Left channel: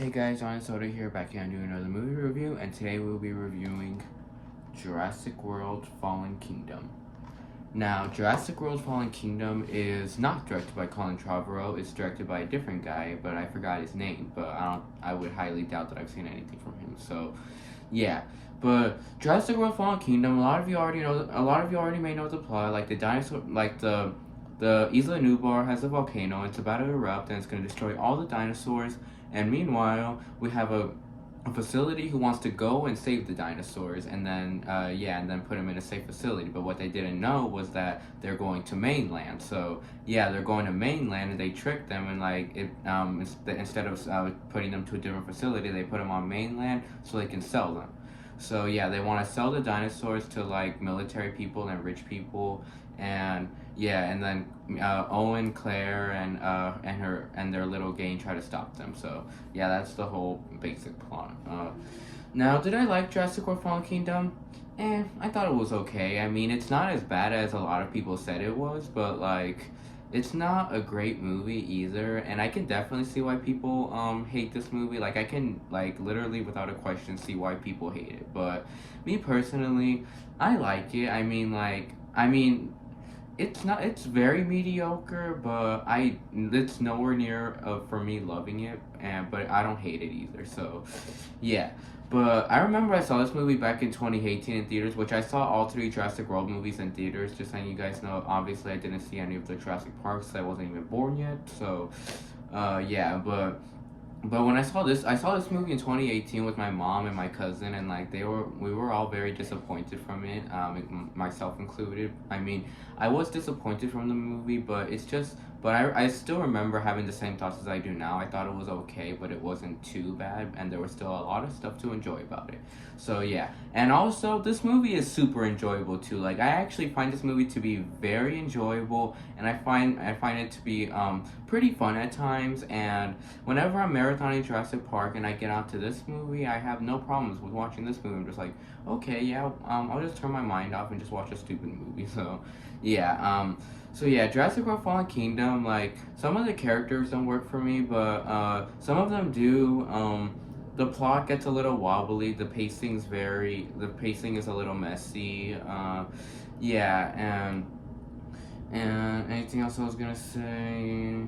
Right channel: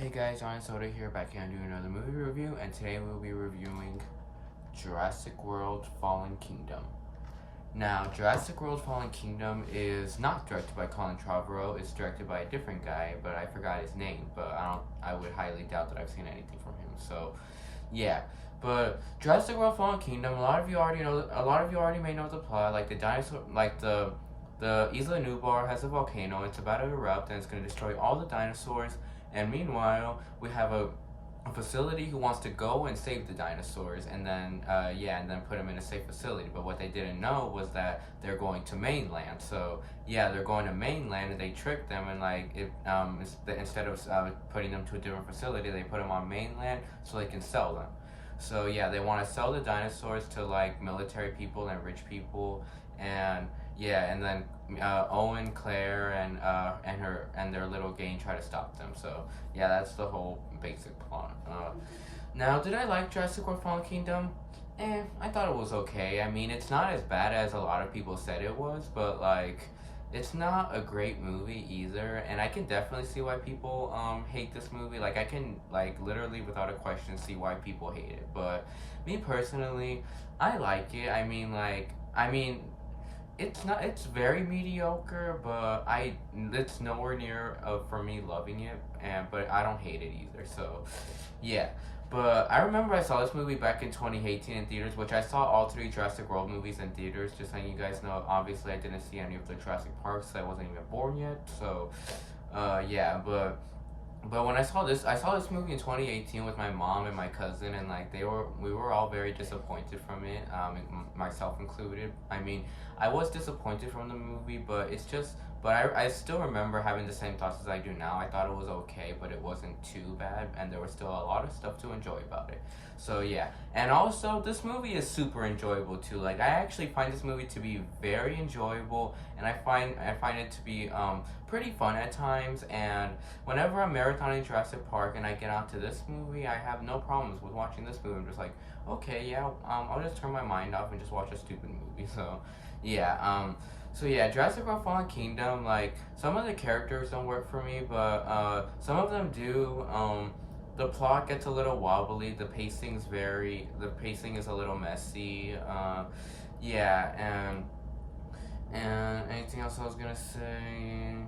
Hey guys, Untitled here, back here to do another movie review, and today we'll be reviewing Jurassic World Fallen Kingdom. Now, Jurassic World Fallen Kingdom is not directed by Colin Trevorrow, it's directed by a different guy, but I forgot his name, but I would highly doubt that I've seen anything from him, so yeah. But Jurassic World Fallen Kingdom, a lot of you already may know the plot, like the Isla Nublar has a volcano, it's about to erupt, and it's going to destroy all the dinosaurs. And meanwhile, we have a facility who wants to go and save the dinosaurs, and then and then put them in a safe facility. But what they didn't know was that they're going to mainland. So yeah, they're going to mainland, and they tricked them, and instead of putting them to a different facility, they put them on mainland so they can sell them. So yeah, they want to sell the dinosaurs to like military people and rich people, and yeah, and then Owen, Claire, and their little gang try to stop them. So yeah, that's the whole basic plot. Now, did I like Jurassic World Fallen Kingdom? I thought it was okay. I mean, it's not as bad as a lot of people said it was, but like, it's not a great movie either. And I can definitely see why people hate this movie. Like, I can like literally without a question see why people hate it. But me personally, I like it. It's very mediocre, but it's nowhere near for me loving it, but I don't hate it either. So, yeah. But I remember I saw this movie back in 2018 in theaters, which I saw all three Jurassic World movies in theaters. Just letting you guys know, obviously I didn't see any of the Jurassic Parks. I wasn't even born yet. So, yeah. But when I saw this movie in 2018 with my mom and my cousin, and like we were all very disappointed from it, myself included. I mean, I was disappointed from the movie, but I still remember having the same thoughts as I do now. I thought it was okay, but it wasn't too bad, and there was still a lot of stuff to enjoy about it. So yeah, and also this movie is super enjoyable too. Like, I actually find this movie to be very enjoyable, and I find it to be pretty fun at times. And whenever I'm marathoning Jurassic Park and I get onto this movie, I have no problems with watching this movie. I'm just like, okay, yeah, I'll just turn my mind off and just watch a stupid movie. So yeah, Jurassic World Fallen Kingdom, like, some of the characters don't work for me, but some of them do. The plot gets a little wobbly. The pacing is a little messy. Yeah, and anything else I was gonna say?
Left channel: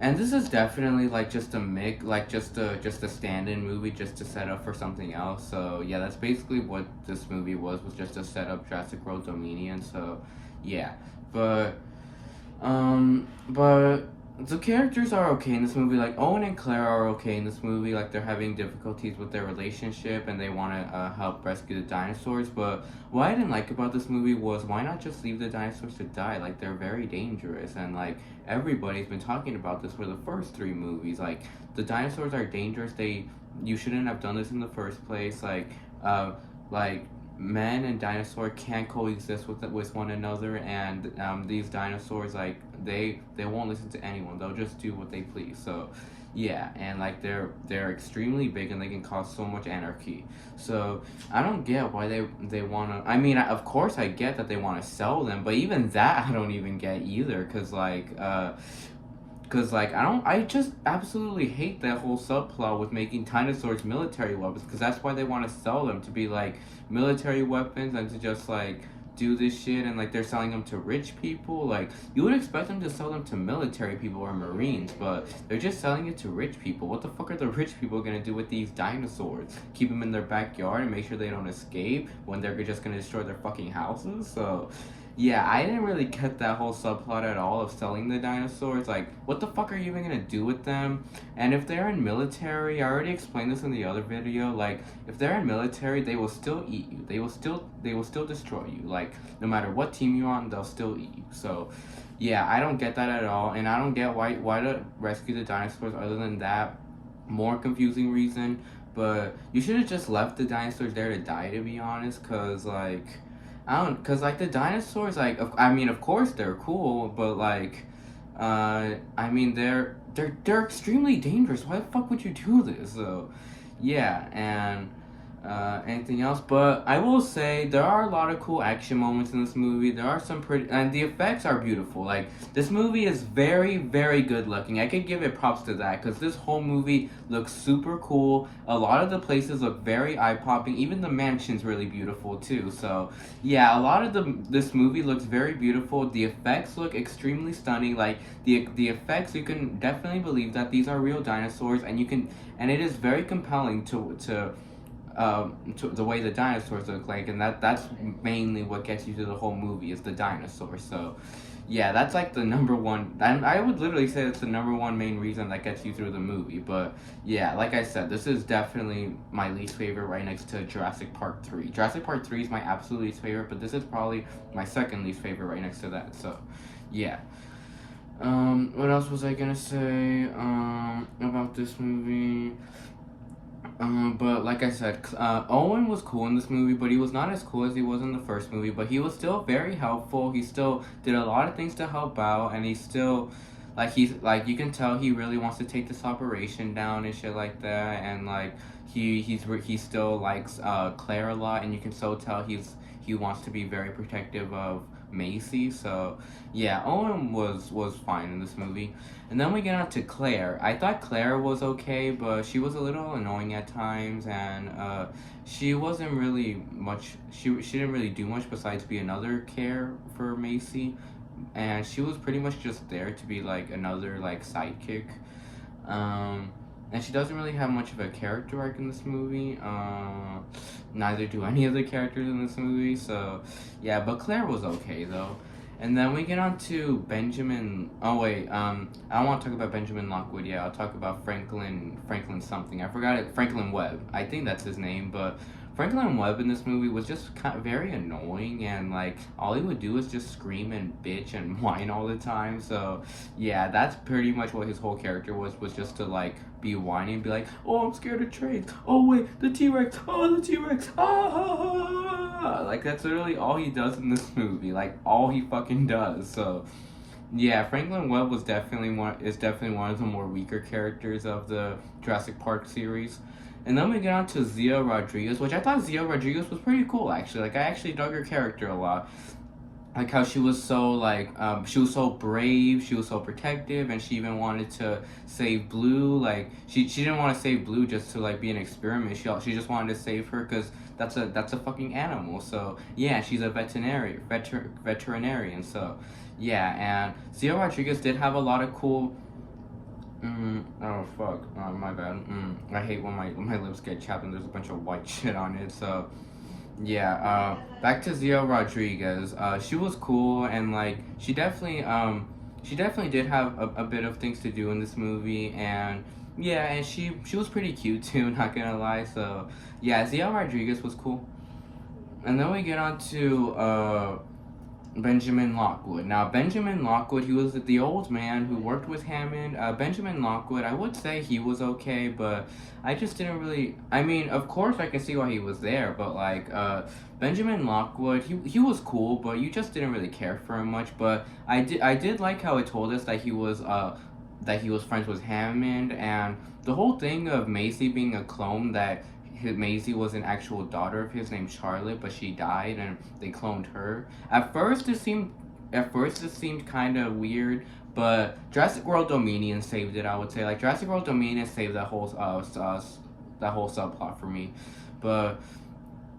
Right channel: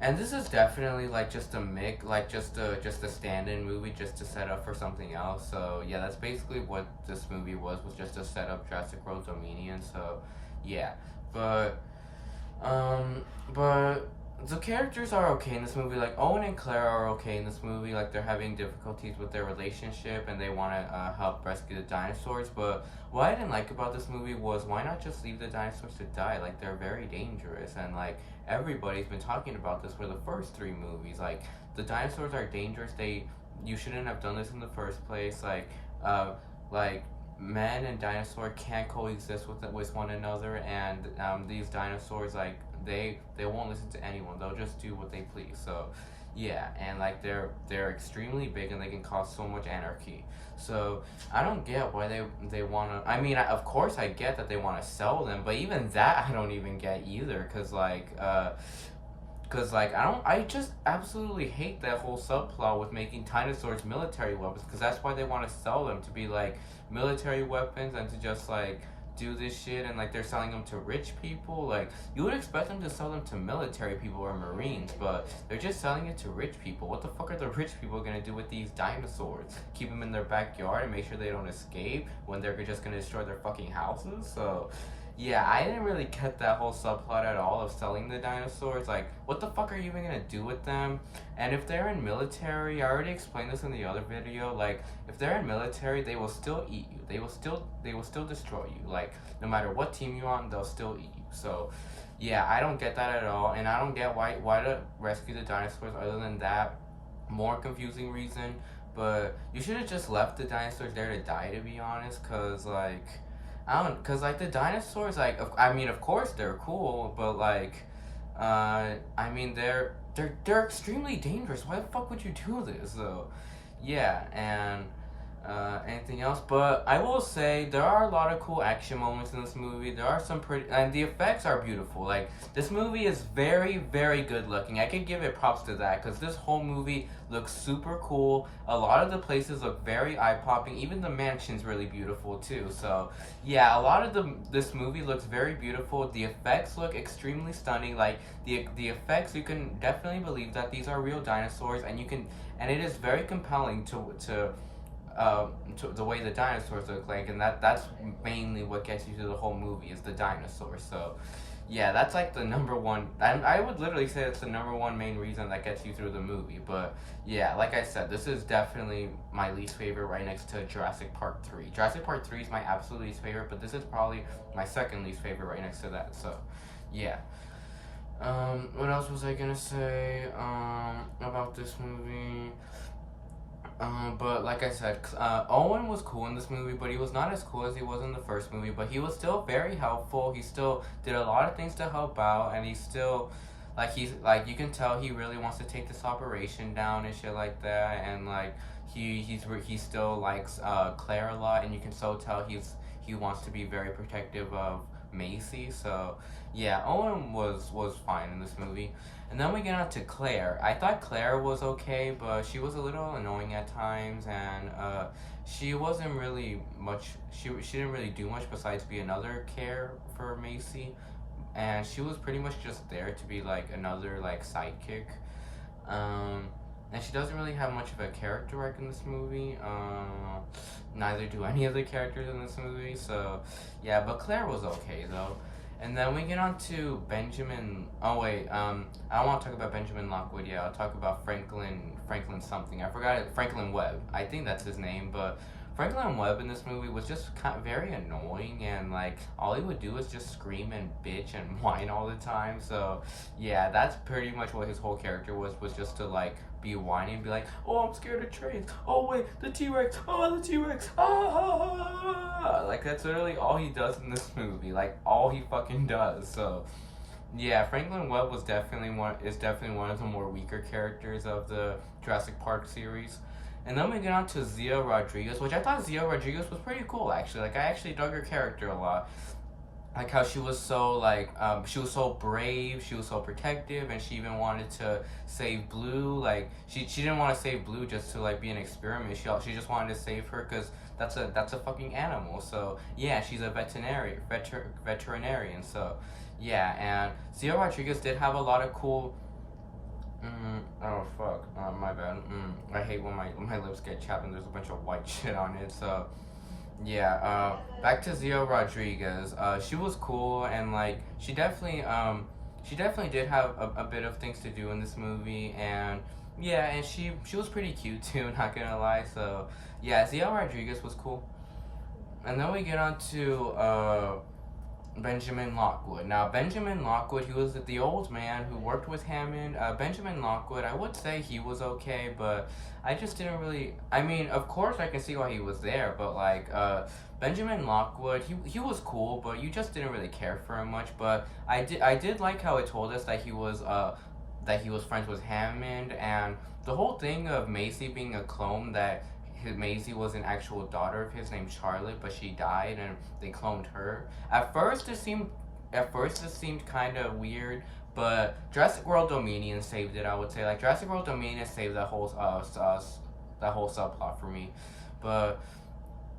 And this is definitely like just a stand-in movie just to set up for something else. So yeah, that's basically what this movie was just to set up Jurassic World Dominion. So yeah, but but the characters are okay in this movie. Like, Owen and Claire are okay in this movie. Like, they're having difficulties with their relationship, and they want to help rescue the dinosaurs. But what I didn't like about this movie was, why not just leave the dinosaurs to die? Like, they're very dangerous, and like, everybody's been talking about this for the first three movies. Like, the dinosaurs are dangerous. You shouldn't have done this in the first place. Like men and dinosaur can't coexist with one another, and these dinosaurs, like, they won't listen to anyone. They'll just do what they please. So yeah, and like, they're extremely big, and they can cause so much anarchy. So I don't get why they want to. I mean, of course I get that they want to sell them, but even that I don't even get either, because I just absolutely hate that whole subplot with making dinosaurs military weapons, because that's why they want to sell them, to be like military weapons, and to just like do this shit. And like, they're selling them to rich people. Like, you would expect them to sell them to military people or marines, but they're just selling it to rich people. What the fuck are the rich people gonna do with these dinosaurs? Keep them in their backyard and make sure they don't escape when they're just gonna destroy their fucking houses? So yeah, I didn't really get that whole subplot at all of selling the dinosaurs. Like, what the fuck are you even gonna do with them? And if they're in military, I already explained this in the other video, like, if they're in military, they will still eat you. They will still destroy you. Like, no matter what team you're on, they'll still eat you. So yeah, I don't get that at all, and I don't get why to rescue the dinosaurs other than that more confusing reason. But you should have just left the dinosaurs there to die, to be honest, cause like the dinosaurs, like, I mean, of course they're cool, but like, I mean, they're extremely dangerous. Why the fuck would you do this? So yeah, and Anything else? But I will say there are a lot of cool action moments in this movie. There are some pretty, and the effects are beautiful. Like, this movie is very, very good looking. I could give it props to that because this whole movie looks super cool. A lot of the places look very eye popping. Even the mansion's really beautiful too. So yeah, a lot of this movie looks very beautiful. The effects look extremely stunning. Like the effects, you can definitely believe that these are real dinosaurs, and you can, and it is very compelling to the way the dinosaurs look like, and that's mainly what gets you to the whole movie is the dinosaurs. So yeah, that's like the number one, and I would literally say it's the number one main reason that gets you through the movie. But yeah, like I said, this is definitely my least favorite, right next to Jurassic Park 3. Jurassic Park 3 is my absolute least favorite, but this is probably my second least favorite, right next to that. So yeah. What else was I gonna say about this movie? But like I said, Owen was cool in this movie, but he was not as cool as he was in the first movie. But he was still very helpful. He still did a lot of things to help out, and he's like you can tell he really wants to take this operation down and shit like that. And like he still likes Claire a lot, and you can so tell he wants to be very protective of Macy. So yeah, Owen was fine in this movie. And then we get on to Claire. I thought Claire was okay, but she was a little annoying at times, and she wasn't really much. She didn't really do much besides be another care for Macy, and she was pretty much just there to be like another like sidekick. And she doesn't really have much of a character arc in this movie. Neither do any of the characters in this movie. So yeah, but Claire was okay though. And then we get on to Benjamin. Oh wait, I don't want to talk about Benjamin Lockwood yet. I'll talk about Franklin something. I forgot it. Franklin Webb. I think that's his name. But Franklin Webb in this movie was just kind of very annoying, and like all he would do is just scream and bitch and whine all the time. So yeah, that's pretty much what his whole character was just to like be whining, be like, oh, I'm scared of trains. Oh wait, the T-Rex. Oh, the T-Rex. Ah. Like that's literally all he does in this movie. Like all he fucking does. So yeah, Franklin Webb is definitely one of the more weaker characters of the Jurassic Park series. And then we get on to Zia Rodriguez, which I thought Zia Rodriguez was pretty cool actually. Like I actually dug her character a lot. Like how she was so like she was so brave, she was so protective, and she even wanted to save Blue. Like she didn't want to save Blue just to like be an experiment. She just wanted to save her because that's a fucking animal. So yeah, she's a veterinarian. So yeah, and Zia Rodriguez did have a lot of cool. Oh fuck, my bad. I hate when my lips get chapped and there's a bunch of white shit on it. So yeah, back to Zia Rodriguez. She was cool, and like she definitely did have a bit of things to do in this movie, and yeah, and she was pretty cute too, not gonna lie. So yeah, Zia Rodriguez was cool. And then we get on to Benjamin Lockwood. Now, Benjamin Lockwood, he was the old man who worked with Hammond. Benjamin Lockwood, I would say he was okay, but I just didn't really. I mean, of course, I can see why he was there, but like, Benjamin Lockwood, he was cool, but you just didn't really care for him much. But I did like how it told us that he was friends with Hammond, and the whole thing of Maisie being a clone that Maisie was an actual daughter of his named Charlotte, but she died and they cloned her. At first it seemed kind of weird, but Jurassic World Dominion saved it. I would say like Jurassic World Dominion saved that whole subplot for me. But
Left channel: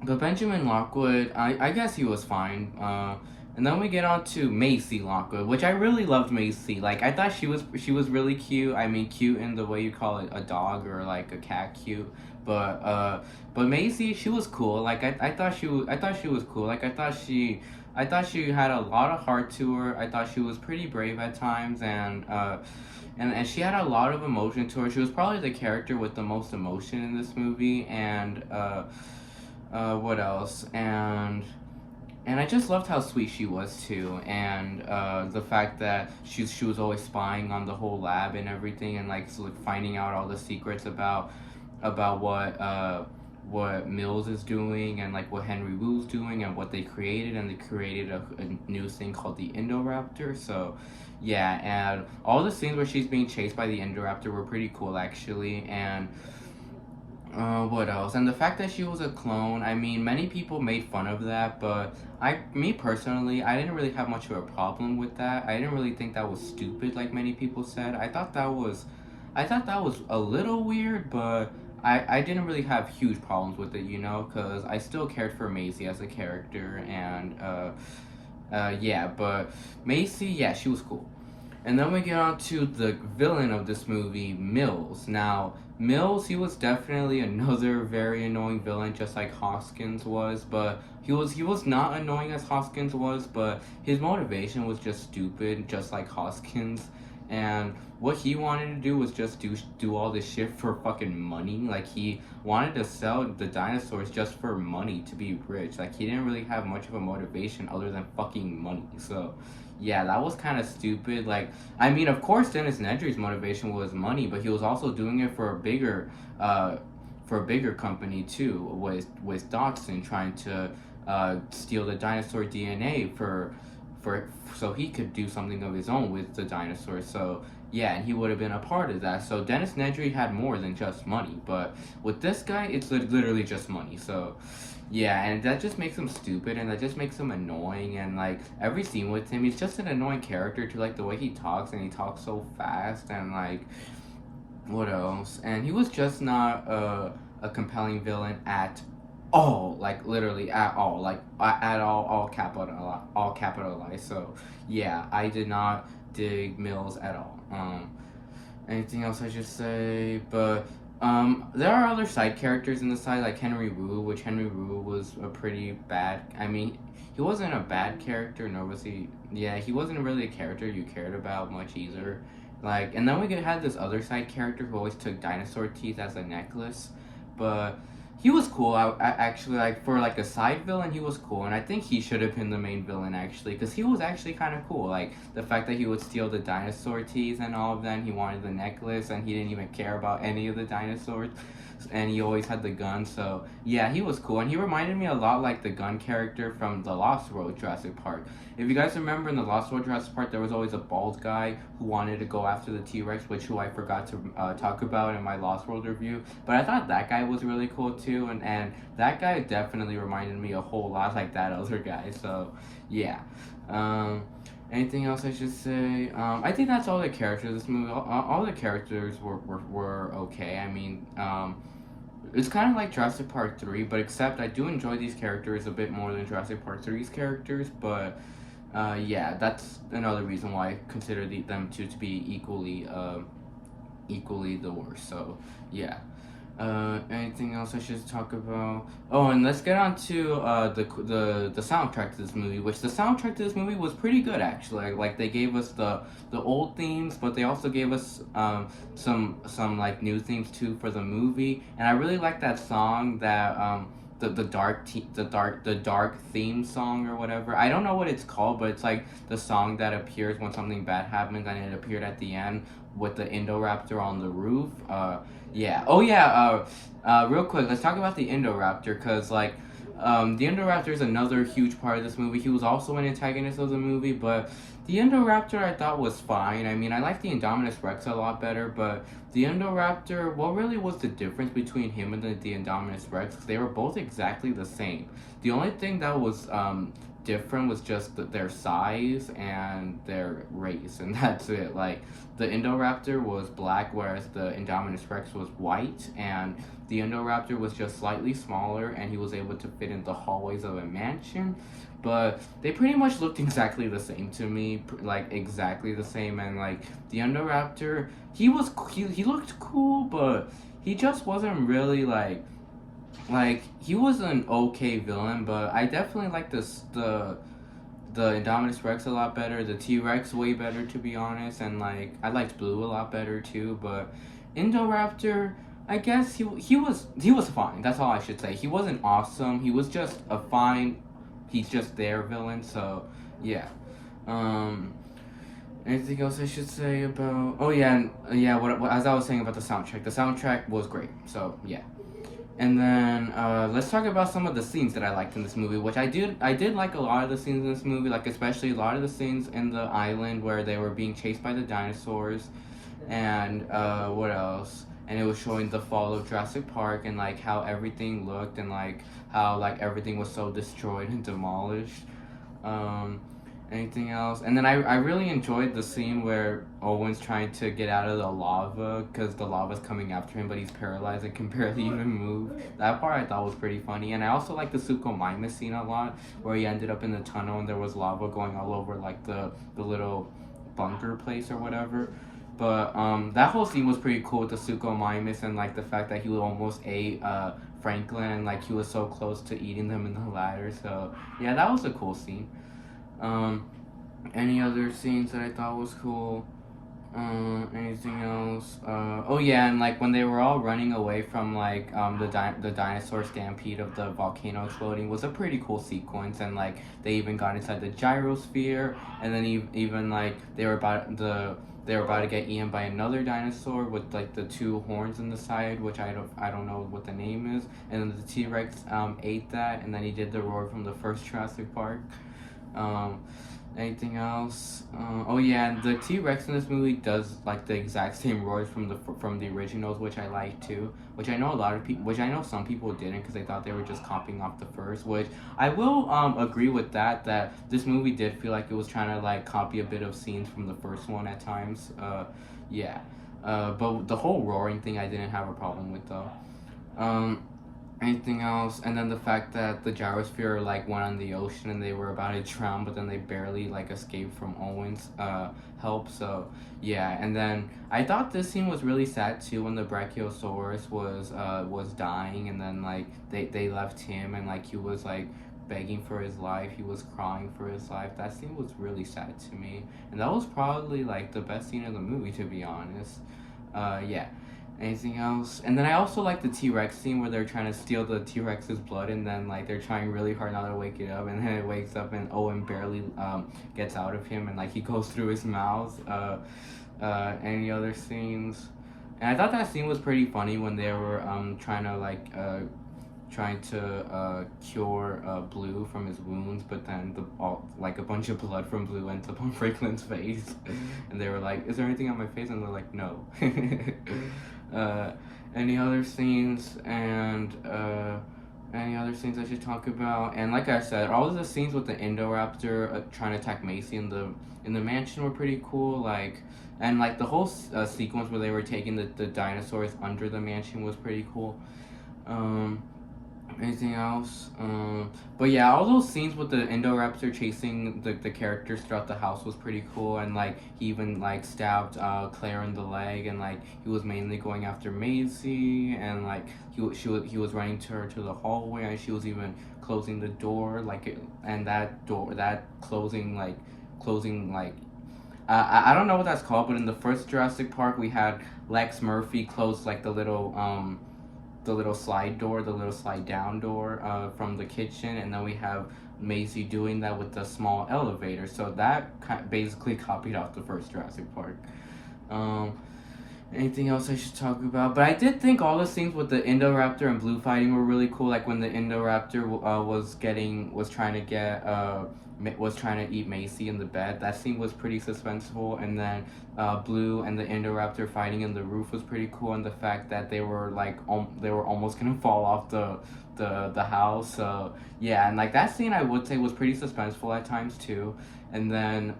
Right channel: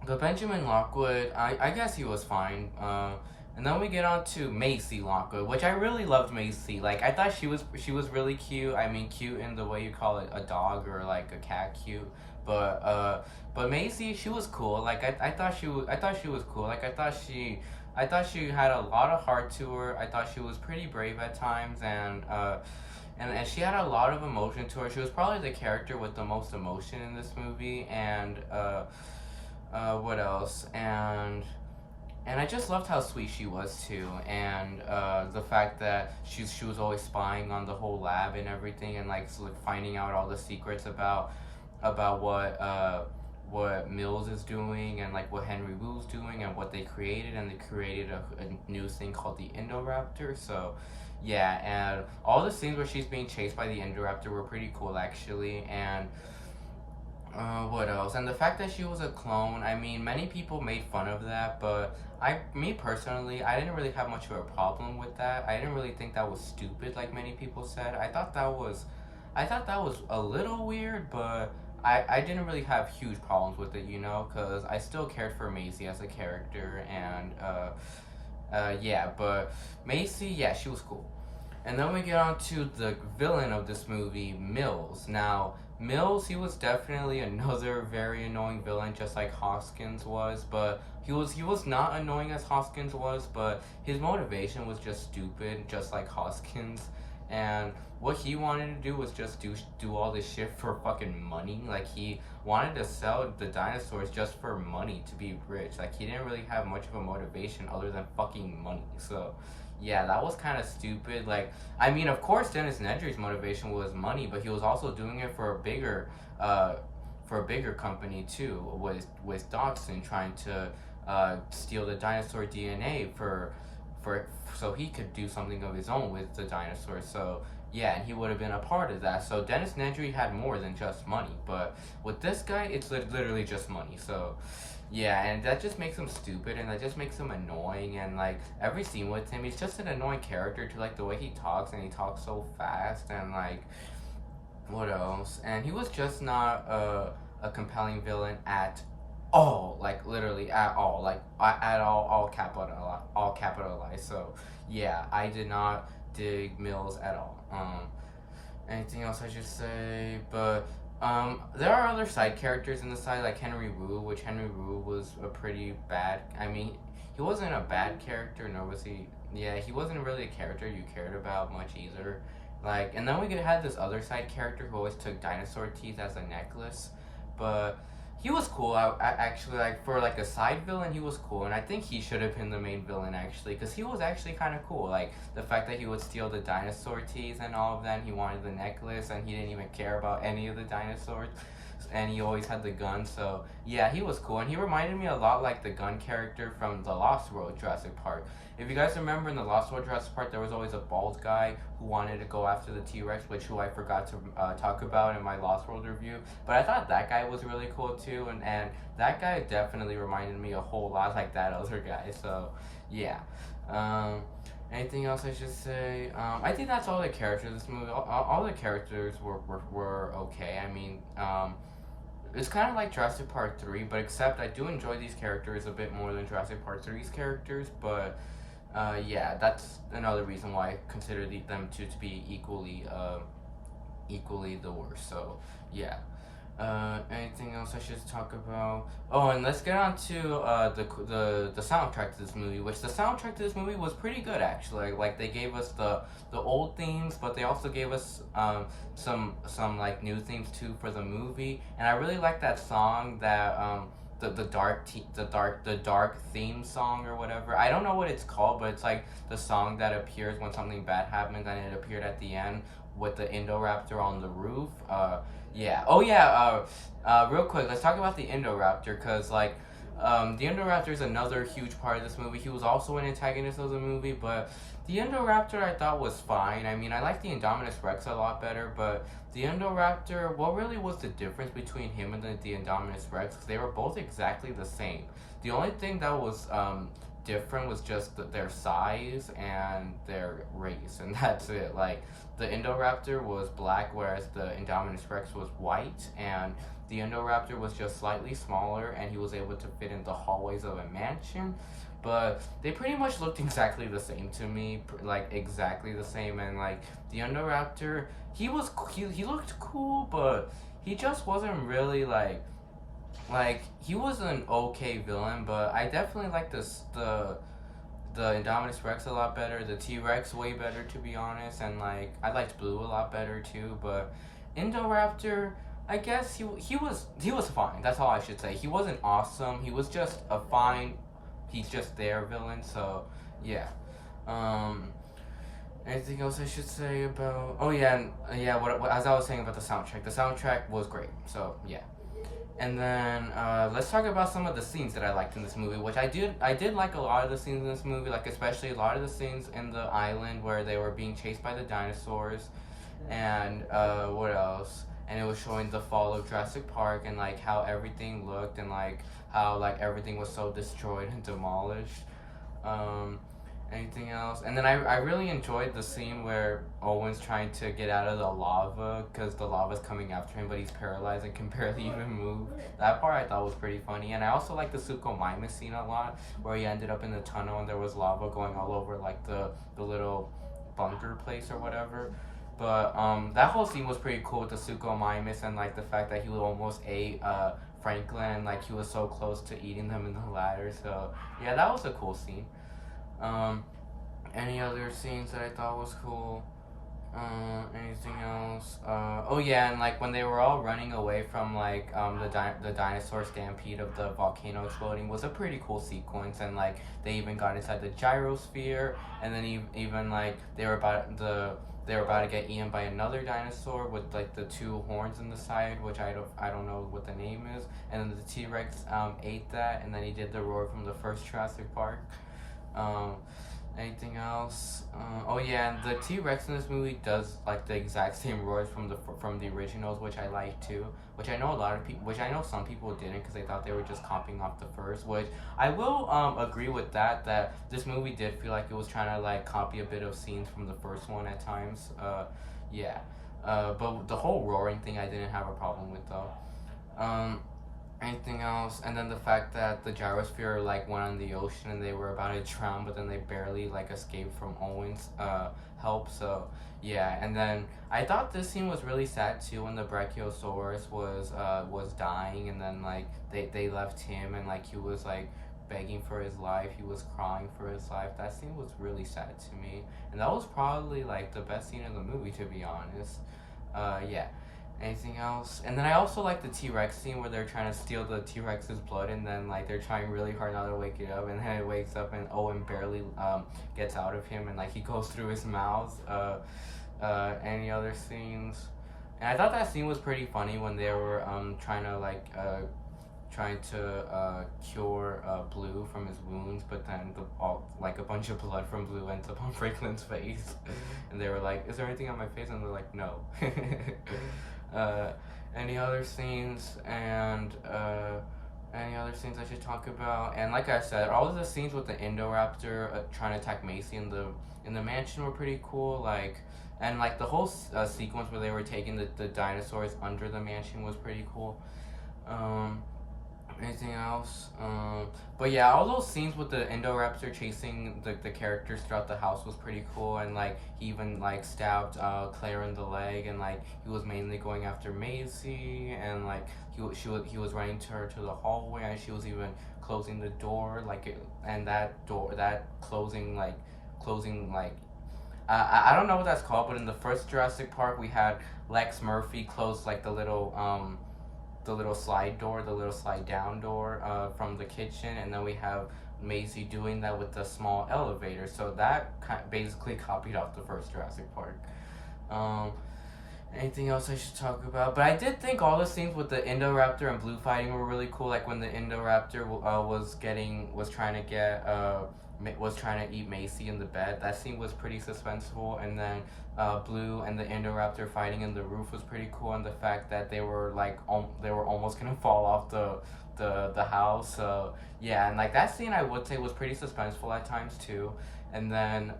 Benjamin Lockwood, I guess he was fine. And then we get on to Macy Lockwood, which I really loved Macy. Like I thought she was really cute. I mean, cute in the way you call it a dog or like a cat cute. But Macy, she was cool. Like I thought she was cool. Like I thought she had a lot of heart to her. I thought she was pretty brave at times, and she had a lot of emotion to her. She was probably the character with the most emotion in this movie. And what else? And I just loved how sweet she was too, and the fact that she was always spying on the whole lab and everything, and like finding out all the secrets about what Mills is doing, and like what Henry Wu's doing, and what they created, and they created a new thing called the Indoraptor. So yeah, and all the scenes where she's being chased by the Indoraptor were pretty cool actually, and What else? And the fact that she was a clone, I mean, many people made fun of that, but me personally, I didn't really have much of a problem with that. I didn't really think that was stupid like many people said. I thought that was a little weird, but I didn't really have huge problems with it, you know, because I still cared for Maisie as a character, and, yeah, but Macy, yeah, she was cool. And then we get on to the villain of this movie, Mills. Now, Mills, he was definitely another very annoying villain, just like Hoskins was, but he was not annoying as Hoskins was, but his motivation was just stupid, just like Hoskins. And what he wanted to do was just do all this shit for fucking money. Like, he wanted to sell the dinosaurs just for money, to be rich. Like, he didn't really have much of a motivation other than fucking money. So yeah, that was kind of stupid. Like, I mean, of course, Dennis Nedry's motivation was money, but he was also doing it for a bigger company too, with Dodson trying to steal the dinosaur DNA for so he could do something of his own with the dinosaurs. So yeah, and he would have been a part of that. So Dennis Nedry had more than just money, but with this guy, it's literally just money. So yeah, and that just makes him stupid, and that just makes him annoying, and like every scene with him, he's just an annoying character to like the way he talks, and he talks so fast, and like what else? And he was just not a compelling villain at all, like literally at all, like at all capitalized. So yeah, I did not dig Mills at all. Anything else I should say? But there are other side characters in the side, like Henry Wu, which Henry Wu was a pretty bad. I mean, he wasn't a bad character, nor was he. Yeah, he wasn't really a character you cared about much either. Like, and then we could have this other side character who always took dinosaur teeth as a necklace, but he was cool. I actually, like, for like a side villain, he was cool, and I think he should have been the main villain actually, because he was actually kind of cool. Like the fact that he would steal the dinosaur teeth and all of them, he wanted the necklace, and he didn't even care about any of the dinosaurs, and he always had the gun. So yeah, he was cool, and he reminded me a lot like the gun character from the Lost World Jurassic Park. If you guys remember, in the Lost World Jurassic Park, there was always a bald guy who wanted to go after the T-Rex, who I forgot to talk about in my Lost World review. But I thought that guy was really cool too, and that guy definitely reminded me a whole lot like that other guy. So yeah. Anything else I should say? I think that's all the characters of this movie. All the characters were okay. I mean, it's kind of like Jurassic Park 3, but except I do enjoy these characters a bit more than Jurassic Park 3's characters, but yeah, that's another reason why I consider them two to be equally the worst. So yeah. Anything else I should talk about? Oh, and let's get on to the soundtrack to this movie, which the soundtrack to this movie was pretty good actually. Like they gave us the old themes, but they also gave us some like new themes too for the movie, and I really like that song that the dark theme song or whatever. I don't know what it's called, but it's like the song that appears when something bad happens, and it appeared at the end with the Indoraptor on the roof. Yeah. Oh yeah. Real quick, let's talk about the Indoraptor, cause like, the Indoraptor is another huge part of this movie. He was also an antagonist of the movie, but the Indoraptor I thought was fine. I mean, I like the Indominus Rex a lot better, but the Indoraptor, what really was the difference between him and the Indominus Rex? 'Cause they were both exactly the same. The only thing that was different was just their size and their race, and that's it. Like, the Indoraptor was black, whereas the Indominus Rex was white, and the Indoraptor was just slightly smaller, and he was able to fit in the hallways of a mansion. But they pretty much looked exactly the same to me, like exactly the same. And like the Indoraptor, he looked cool, but he just wasn't really like he was an okay villain. But I definitely like the Indominus Rex a lot better, the T-Rex way better, to be honest, and like I liked Blue a lot better too. But Indoraptor, I guess he was fine. That's all I should say. He wasn't awesome. He was just a fine. He's just their villain. So yeah. Anything else I should say about? Oh yeah, and yeah. What as I was saying about the soundtrack. The soundtrack was great. So yeah. And then let's talk about some of the scenes that I liked in this movie, which I did like a lot of the scenes in this movie, like especially a lot of the scenes in the island where they were being chased by the dinosaurs, and what else? and it was showing the fall of Jurassic Park and like how everything looked and like how like everything was so destroyed and demolished. Um, Anything else? And then I really enjoyed the scene where Owen's trying to get out of the lava because the lava's coming after him, but he's paralyzed and can barely even move. That part I thought was pretty funny. And I also like the Suchomimus scene a lot, where he ended up in the tunnel and there was lava going all over like the little bunker place or whatever. But that whole scene was pretty cool with the Suchomimus and like the fact that he almost ate Franklin and like he was so close to eating them in the ladder. So yeah, that was a cool scene. Any other scenes that I thought was cool? Anything else? Oh yeah, and like when they were all running away from like the dinosaur stampede of the volcano exploding was a pretty cool sequence, and like they even got inside the gyrosphere, and then even like they were about to get eaten by another dinosaur with like the two horns in the side, which I don't know what the name is, and then the T-Rex ate that, and then he did the roar from the first Jurassic Park. Anything else? Oh yeah, the T-Rex in this movie does like the exact same roars from the originals, which I like too. Which I know some people didn't because they thought they were just copying off the first. Which I will agree with that this movie did feel like it was trying to like copy a bit of scenes from the first one at times. Yeah. But the whole roaring thing I didn't have a problem with though. Anything else? And then the fact that the gyrosphere like went on the ocean and they were about to drown, but then they barely like escaped from Owen's help. So yeah, and then I thought this scene was really sad too when the Brachiosaurus was dying, and then like they left him and like he was like begging for his life. He was crying for his life. That scene was really sad to me, and that was probably like the best scene of the movie, to be honest. Yeah. Anything else? And then I also like the T-Rex scene where they're trying to steal the T-Rex's blood, and then like they're trying really hard not to wake it up, and then it wakes up and Owen barely gets out of him, and like he goes through his mouth. Any other scenes? And I thought that scene was pretty funny when they were trying to cure Blue from his wounds, but then like a bunch of blood from Blue ends up on Franklin's face, and they were like, "Is there anything on my face?" And they're like, "No." Any other scenes and any other scenes I should talk about? And like I said, all of the scenes with the Indoraptor trying to attack Macy in the mansion were pretty cool. Like, and like the whole sequence where they were taking the dinosaurs under the mansion was pretty cool. Anything else? But yeah, all those scenes with the Indoraptor chasing the characters throughout the house was pretty cool, and like he even like stabbed Claire in the leg, and like he was mainly going after Maisie, and like he was running to her to the hallway, and she was even closing the door, and that closing I don't know what that's called, but in the first Jurassic Park we had Lex Murphy close like the little slide door, the little slide down door from the kitchen, and then we have Maisie doing that with the small elevator. So that basically copied off the first Jurassic Park. Anything else I should talk about? But I did think all the scenes with the Indoraptor and Blue fighting were really cool. Like when the Indoraptor was trying to eat Macy in the bed. That scene was pretty suspenseful, and then Blue and the Indoraptor fighting in the roof was pretty cool, and the fact that they were like they were almost gonna fall off the house. So yeah, and like that scene I would say was pretty suspenseful at times too, and then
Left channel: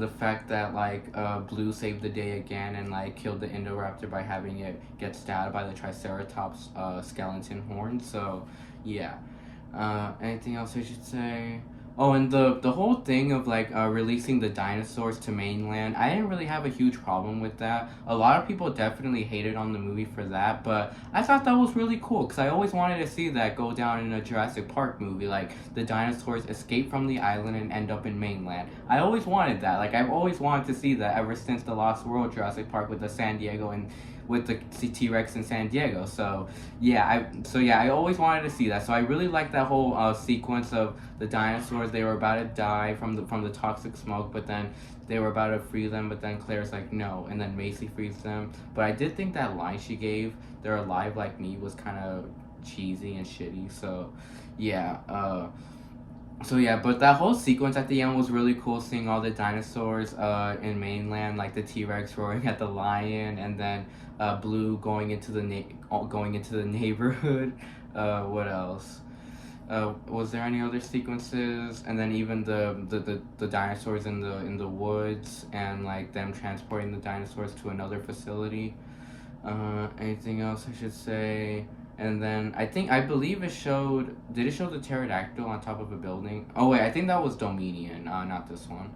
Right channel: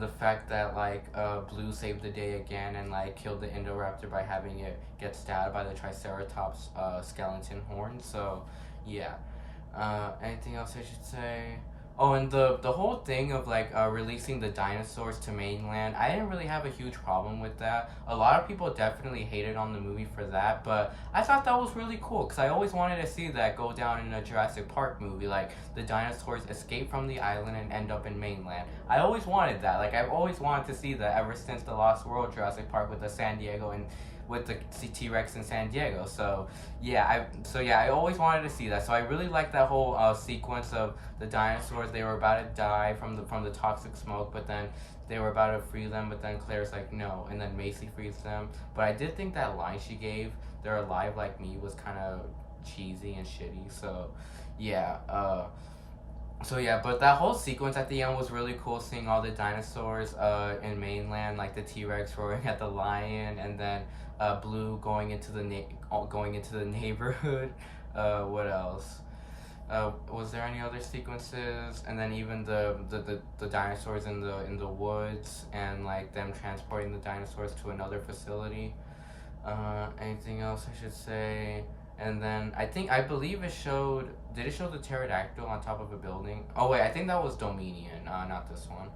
the fact that like Blue saved the day again and like killed the Indoraptor by having it get stabbed by the Triceratops skeleton horn. So yeah. Anything else I should say? Oh, and the whole thing of like releasing the dinosaurs to mainland, I didn't really have a huge problem with that. A lot of people definitely hated on the movie for that, but I thought that was really cool because I always wanted to see that go down in a Jurassic Park movie, like the dinosaurs escape from the island and end up in mainland. I always wanted that. Like I've always wanted to see that ever since the Lost World Jurassic Park with the San Diego and with the T-Rex in San Diego. So yeah, I always wanted to see that. So I really liked that whole sequence of the dinosaurs. They were about to die from the toxic smoke, but then they were about to free them, but then Claire's like, no, and then Macy frees them. But I did think that line she gave, "They're alive like me," was kind of cheesy and shitty. So yeah, So yeah, but that whole sequence at the end was really cool. Seeing all the dinosaurs in mainland, like the T-Rex roaring at the lion, and then Blue going into the neighborhood. What else? Was there any other sequences? And then even the dinosaurs in the woods, and like them transporting the dinosaurs to another facility. Anything else I should say? And then I believe it showed. Did it show the pterodactyl on top of a building? Oh wait, I think that was Dominion. Not this one.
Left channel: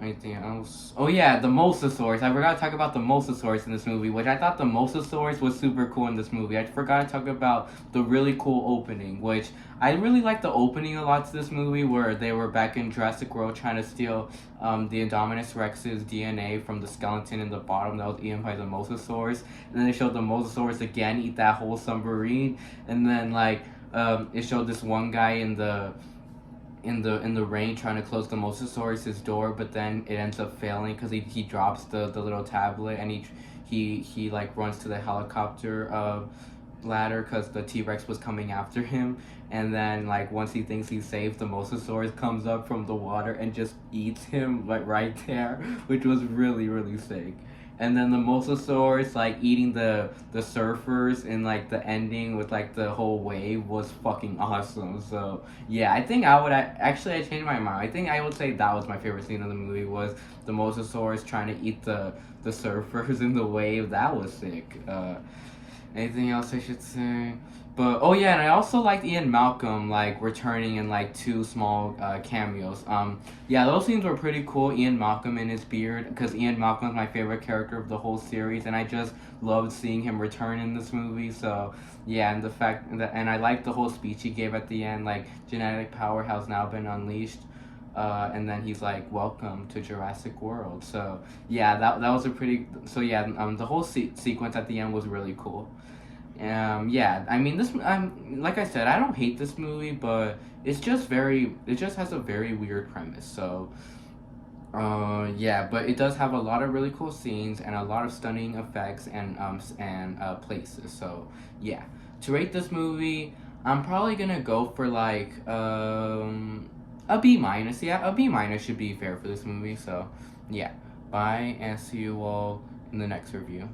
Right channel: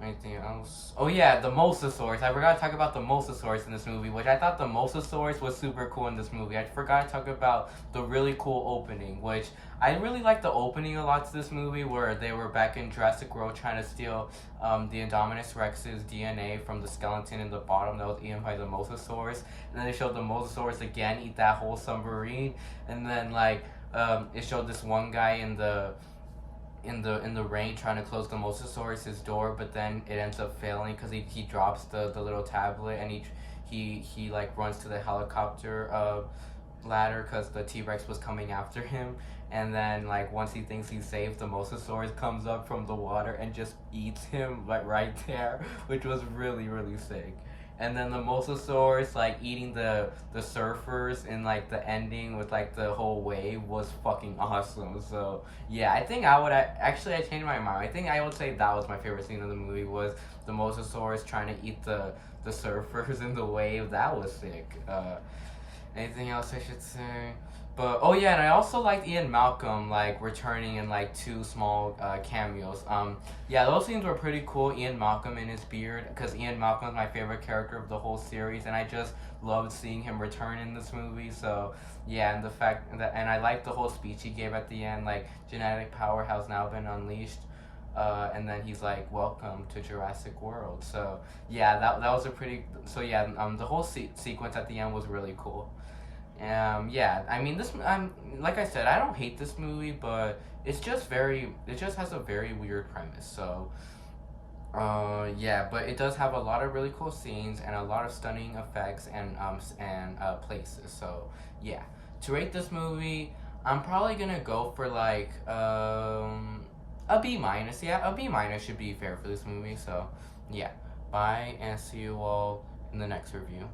Anything else? Oh yeah, the Mosasaurs. I forgot to talk about the Mosasaurs in this movie, which I thought the Mosasaurs was super cool in this movie. I forgot to talk about the really cool opening, which I really liked the opening a lot to this movie, where they were back in Jurassic World trying to steal the Indominus Rex's DNA from the skeleton in the bottom that was eaten by the Mosasaurs, and then they showed the Mosasaurs again eat that whole submarine, and then like it showed this one guy in the rain trying to close the Mosasaurus' door, but then it ends up failing because he drops the little tablet, and he like runs to the helicopter ladder because the T-Rex was coming after him, and then like once he thinks he's safe, the Mosasaurus comes up from the water and just eats him like right there, which was really really sick. And then the Mosasaurus like eating the surfers in like the ending with like the whole wave was fucking awesome. So yeah, I think I changed my mind. I think I would say that was my favorite scene of the movie, was the Mosasaurus trying to eat the surfers in the wave. That was sick. Anything else I should say? But oh yeah, and I also liked Ian Malcolm like returning in like two small cameos. Yeah, those scenes were pretty cool. Ian Malcolm in his beard, because Ian Malcolm is my favorite character of the whole series, and I just loved seeing him return in this movie. So yeah, and the fact that, and I liked the whole speech he gave at the end, like genetic power has now been unleashed. And then he's like, "Welcome to Jurassic World." So yeah, that was a pretty. So yeah, the whole sequence at the end was really cool. Yeah, I mean this. Like I said, I don't hate this movie, but it's just very. It just has a very weird premise. So, yeah, but it does have a lot of really cool scenes and a lot of stunning effects and places. So yeah, to rate this movie, I'm probably gonna go for like a B minus. Yeah, a B minus should be fair for this movie. So yeah, bye, and see you all in the next review.